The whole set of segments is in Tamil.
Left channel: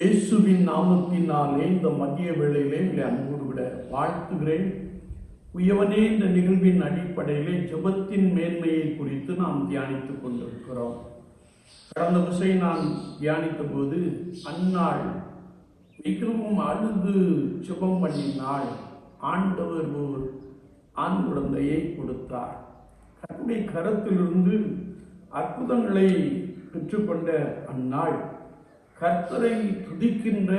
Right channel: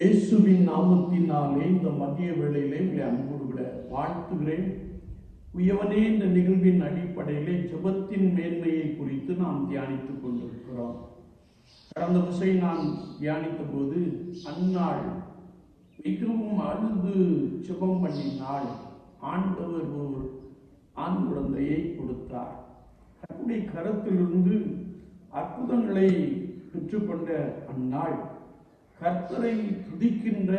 இயேசுவின் நாமத்தினாலே இந்த மதிய வேளையிலே உங்களை அன்போடு விட வாழ்த்துகிறேன். உயவனே இந்த நிகழ்வின் அடிப்படையிலே ஜபத்தின் மேன்மையை குறித்து நாம் தியானித்துக் கொண்டிருக்கிறோம். கடந்த விசை நான் தியானித்த போது அந்நாள் மிகவும் அழுது ஜெபம் பண்ணினால் ஆண்டவர் ஒரு ஆண் குழந்தையை கொடுத்தார். கர்த்தருடைய கரத்திலிருந்து அற்புதங்களை பெற்றுக்கொண்ட அந்நாள் கர்த்தரை துதிக்கின்ற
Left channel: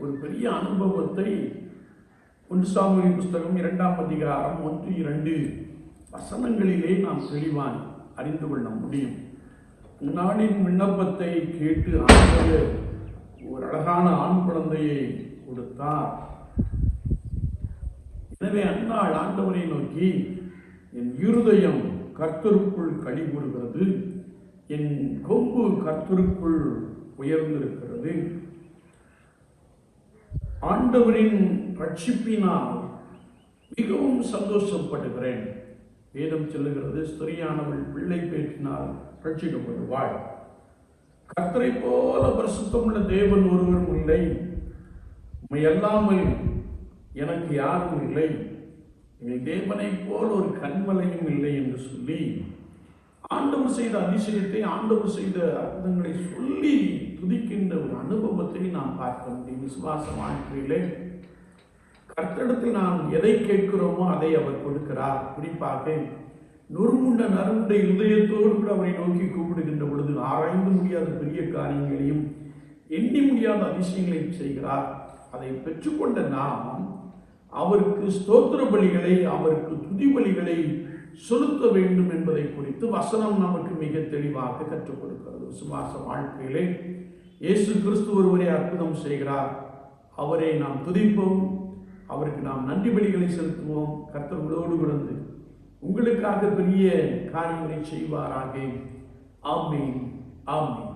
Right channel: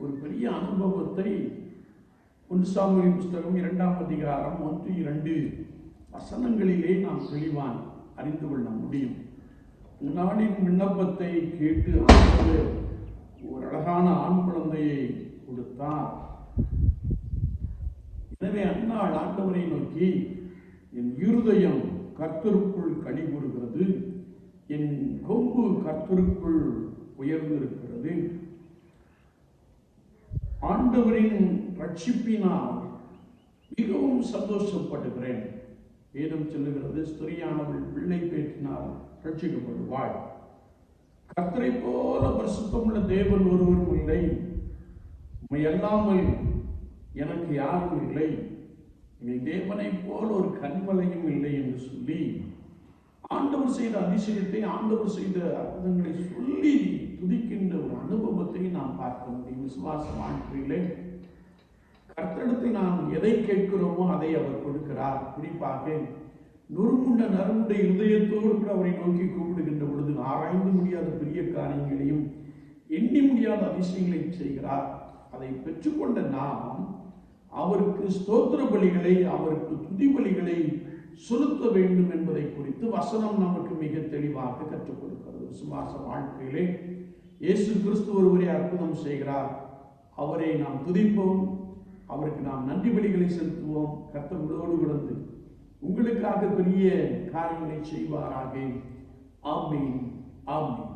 ஒரு பெரிய அனுபவத்தை ஒன்று புஸ்தகம் இரண்டாம் அதிகாரம் ஒன்று இரண்டு வசனங்களிலே நாம் தெளிவான் அறிந்து கொள்ள முடியும். நாளின் விண்ணப்பத்தை கேட்டு ஆண்டவர் ஒரு அழகான ஆண் குழந்தையை கொடுத்தார். எனவே அந்நாள் ஆண்டவரை நோக்கி என் இருதயம் கர்த்தருக்குள் கழிவுறுகிறது என் கொம்பு கர்த்தருக்குள் உயர்ந்திருக்கிறது. ஆண்டவரின் ரட்சிப்பினால் மிகவும் சந்தோஷப்படுகிறேன். வேதம் சொல்லுகிறது ஸ்திரியானவள் பிள்ளை பேற்றினால் ரட்சிக்கப்படுவாள். கர்த்தரை போல பரிசுத்தமுள்ள தேவன் ஒருவரும் இல்லை. உண்மை அல்லாமல் எனக்கு யாரும் இல்லை. எங்கள் தேவனை போல் ஒரு கண்மலையும் இல்லை என்று சொல்லி ஆண்டவர் செய்த அதிசயத்தை ஆண்டவர் செய்த அற்புதங்களை சொல்லி துதிக்கின்ற ஒரு அனுபவத்தை நாம் பார்க்க முடியும். விசுவாச வாழ்க்கையிலே கர்த்தடத்தில் நாம் எதை கேட்கிறோமோ அதை அவர் கொடுக்கிறார். குறிப்பாக நொறுமுண்ட நறுமுண்ட இருதயத்தோடு கூட அவரை நோக்கி கூப்பிடுகின்ற பொழுது ஆராய்ந்து முடியாத பெரிய காரியங்களையும் எண்ணி முடியாத அதிசயங்களையும் செய்கிறார். அதை பெற்றுக்கொண்ட நாம் அவருக்கு ஸ்தோத்திர பலிகளை அவருக்கு துதி பலிகளை செலுத்த வேண்டும் என்பதை குறித்து வசனம் நமக்கு மிக தெளிவாக கற்றுக் கொடுக்கிறது. விசுவாச வாழ்க்கையிலே இயேசு கிறிஸ்து ஒருவரை அற்புதம் செய்கிறார். அவரை நாம் துதிப்போம். அவருக்கு நாம் நன்றி பலிகளை செலுத்துவோம். கர்த்தர்களோடு விழுந்து உங்களுக்காக பெரிய காரியங்களை செய்வாராக. ஆமீன். ஆமீன்.